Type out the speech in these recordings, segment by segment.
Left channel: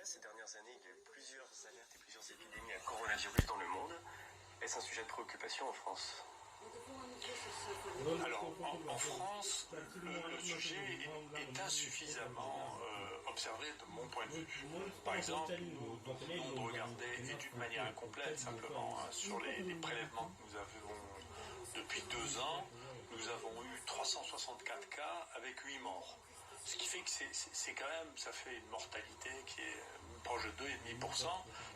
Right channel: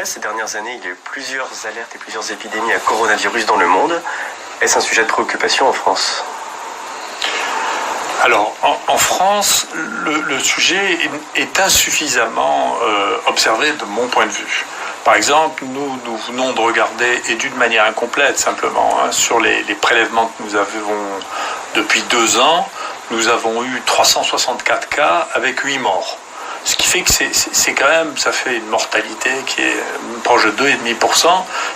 vrai, ces dernières années, il y a eu plusieurs alertes et plusieurs épidémies à coronavirus dans le monde. Est-ce un sujet de préoccupation en France ? Alors, en France, le sujet est insuffisamment observé de mon point de vue. Par exemple, nous venons de regarder, et d'une manière incomplète simplement, sur les prélèvements que nous avons depuis 2 ans, nous avons eu 364 cas avec 8 morts. Ce qui fait que c'est quand même, ça fait une mortalité qui est proche de 2,5%,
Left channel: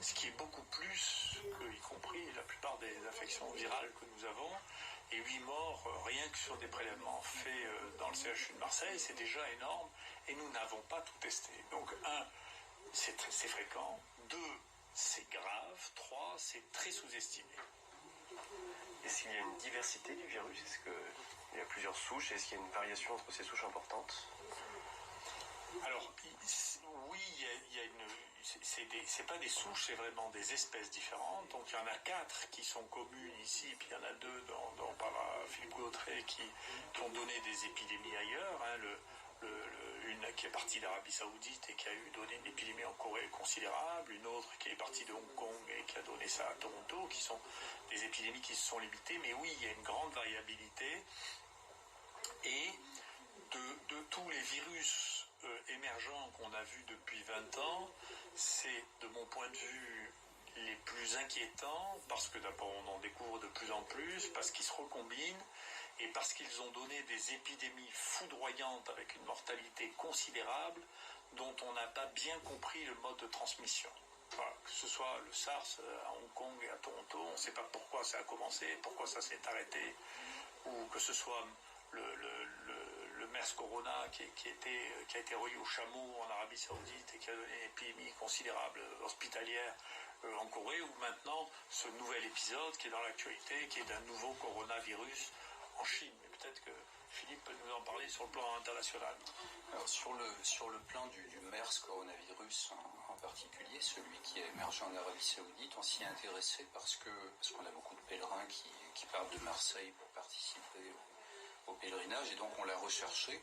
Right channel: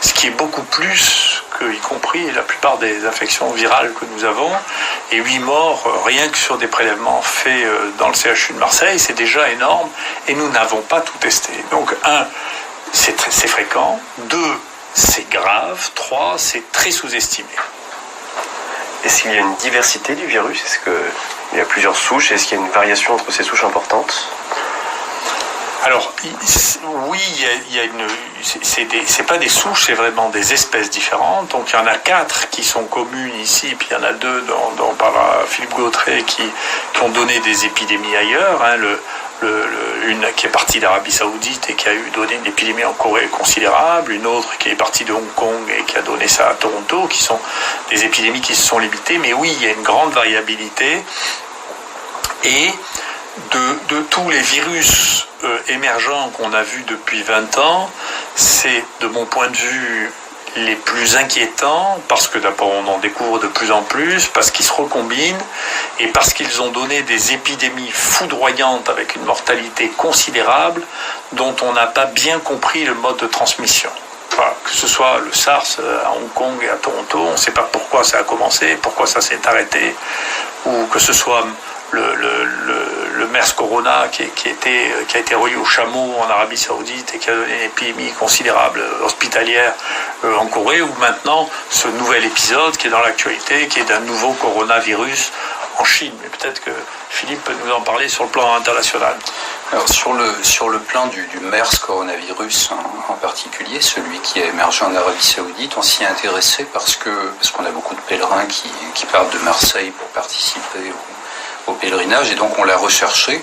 ce qui est beaucoup plus que, y compris la plupart des infections virales que nous avons. Et 8 morts, rien que sur des prélèvements faits dans le CHU de Marseille, c'est déjà énorme, et nous n'avons pas tout testé. Donc, 1, c'est fréquent, 2, c'est grave, 3, c'est très sous-estimé. Est-ce qu'il y a une diversité du virus ? Est-ce qu'il y a plusieurs souches ? Est-ce qu'il y a une variation entre ces souches importantes ? Alors, oui, il y a c'est pas des souches, c'est vraiment des espèces différentes. Donc, il y en a 4 qui sont communes ici, puis il y en a 2 dont parlera Philippe Gautret qui ont donné des épidémies ailleurs. Une qui est partie d'Arabie Saoudite et qui a donné une épidémie en Corée considérable, une autre qui est partie de Hong Kong et qui a donné ça à Toronto, qui sont des épidémies qui se sont limitées. Mais oui, il y a une grande variabilité. Et de tous les virus émergents qu'on a vus depuis 20 ans, c'est, de mon point de vue, les plus inquiétants, parce que d'abord on en découvre de plus en plus, parce qu'ils se recombinent, et parce qu'ils ont donné des épidémies foudroyantes avec une mortalité considérable, dont on n'a pas bien compris le mode de transmission. Voilà, que ce soit le SARS à Hong Kong et à Toronto, on ne sait pas pourquoi ça a commencé, pourquoi ça s'est arrêté, ou que ce soit le MERS Corona qui a été relié au chameau en Arabie Saoudite et qui a donné une épidémie considérable hospitalière en Corée, ou maintenant ce nouvel épisode qui est dans l'actualité, qui est d'un nouveau coronavirus en Chine. Mais peut-être que Philippe peut nous en parler sur le plan international. Alors sur le plan du MERS coronavirus en particulier, celui qui a émergé en Arabie Saoudite, on s'y est intéressé parce qu'on a beaucoup de pèlerins qui partent de Marseille pour participer au pèlerinage, et donc on l'a recherché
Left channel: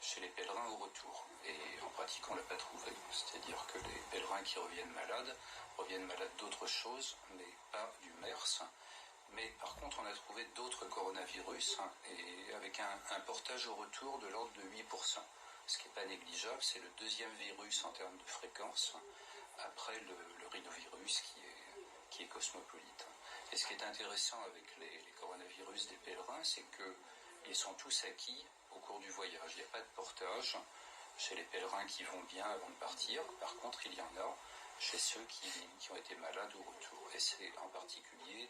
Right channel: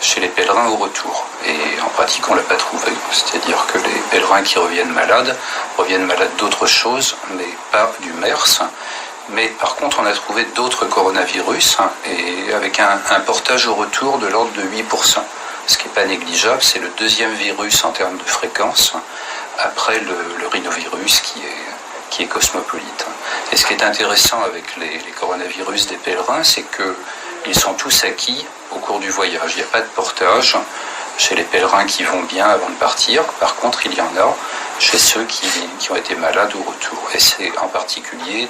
chez les pèlerins au retour. Et en pratique, on ne l'a pas trouvé. C'est-à-dire que les pèlerins qui reviennent malades d'autres choses, mais pas du MERS. Mais par contre, on a trouvé d'autres coronavirus, et avec un portage au retour de l'ordre de 8%. Ce qui n'est pas négligeable, c'est le 2e virus en termes de fréquence, après le rhinovirus qui est cosmopolite. Et ce qui est intéressant avec les coronavirus des pèlerins, c'est qu'ils sont tous acquis au cours du voyage. Il n'y a pas de portage chez les pèlerins qui vont bien avant de partir. Par contre, il y en a chez ceux qui ont été malades au retour. Et c'est en particulier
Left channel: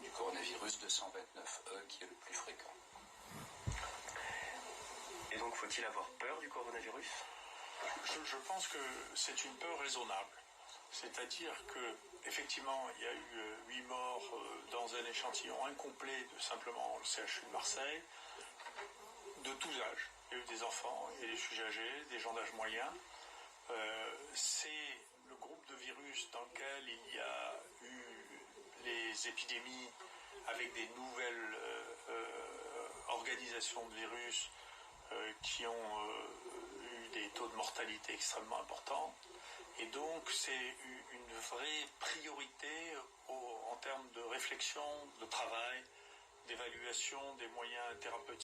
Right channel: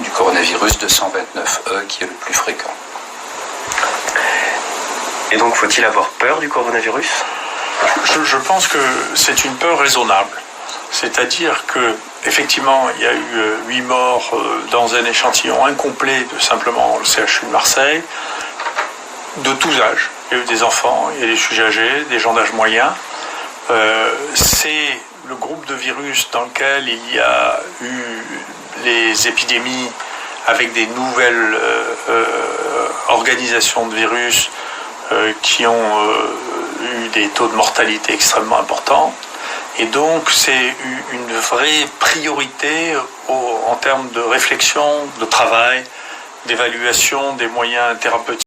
du coronavirus 229E qui est le plus fréquent. Et donc, faut-il avoir peur du coronavirus ? Je pense que c'est une peur raisonnable. C'est-à-dire que, effectivement, il y a eu 8 morts dans un échantillon incomplet de simplement le CHU de Marseille, de tous âges. Il y a eu des enfants, il y a des sujets âgés, des gens d'âge moyen. C'est le groupe de virus dans lequel il y a eu les épidémies avec des nouvelles organisations de virus qui ont eu des taux de mortalité extrêmement importants. Et donc, c'est une vraie priorité en termes de réflexion, de travail, d'évaluation des moyens thérapeutiques.